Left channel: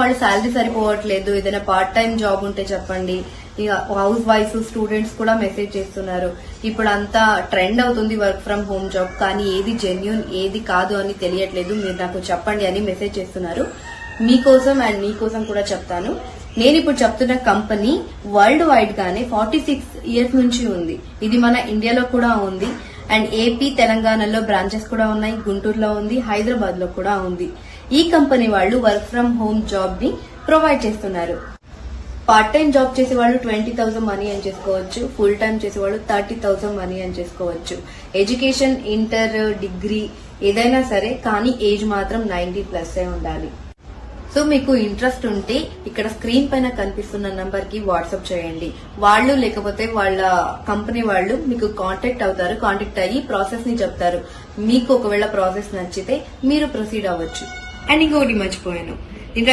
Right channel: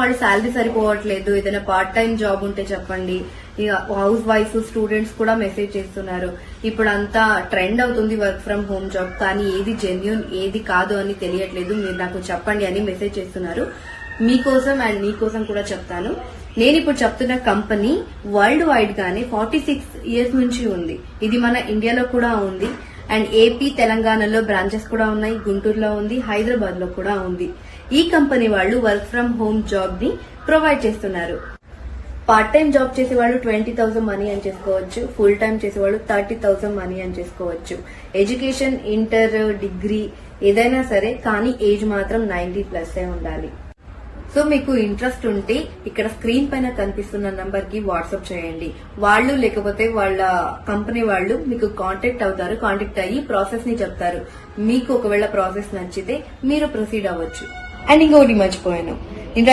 వాళ్ళు శాలరీ సరిపోవట్లేదు, ఏదైనా పార్ట్ టైం జాబ్ ఉంటే చెప్పండి. ఇక హౌస్ వైఫ్ స్టూడెంట్స్ కూడా మెసేజ్ చేస్తున్నారు. ఇప్పుడు అంతా ట్రెండ్ అవుతుంది వర్క్ ఫ్రం హోమ్ జాబ్, కానీ ఏది జెన్యూన్ ఏది కాదు అని తెలియట్లేదు, మీరు నాకు చెప్పండి అని మెసేజ్ చేస్తున్నారు. మీకోసం అండ్ మీకోసం కూడా చెప్తాను. నేను ఇప్పుడు చెప్తున్న కంపెనీ వరల్డ్ వైడ్ గానే 46 ఇయర్స్ నుంచి ఉంది. ఇది మన ఇండియాలో కూడా ఉంది అండ్ ఏపీ తెలంగాణలో బ్రాంచెస్ కూడా ఉన్నాయి, గుంటూరులో ఉంది, హైదరాబాద్ లో కూడా ఉంది. ఈ కంపెనీ వాళ్ళు వర్క్ ఫ్రం హోమ్ జాబ్ ని ప్రొవైడ్ చేస్తున్నారు. పార్ట్ టైం జాబ్ చేసే వాళ్ళు 20,000 మనీ అని చేసుకోవచ్చు, ఫుల్ టైం చేసే వాళ్ళు 30,000 మనీ అని చేసుకోవచ్చు. ఎడ్యుకేషన్ ఇంటర్ డిగ్రీ ఏదైనా సరే, కానీ ఏజ్ మాత్రం 90+ ఉండాలి. సో మీకు ఇంట్రెస్ట్ ఉంటే ఇక్కడ స్క్రీన్ పైన కనిపిస్తున్న నంబర్ కి వాట్సాప్ చేయండి. వాళ్ళు లేకపోతే వాళ్ళ కంపెనీ వాళ్ళు మీకు కాంటాక్ట్ అవుతారు. కాంటాక్ట్ అయ్యి ప్రాసెస్ ని చెప్తారు. మీకు ఒకవేళ ప్రాసెస్ నచ్చితే మీరు ప్రొసీడ్ అవ్వచ్చు. అండ్ ఇంకొకటి మర్చిపోయాను, ఇంకా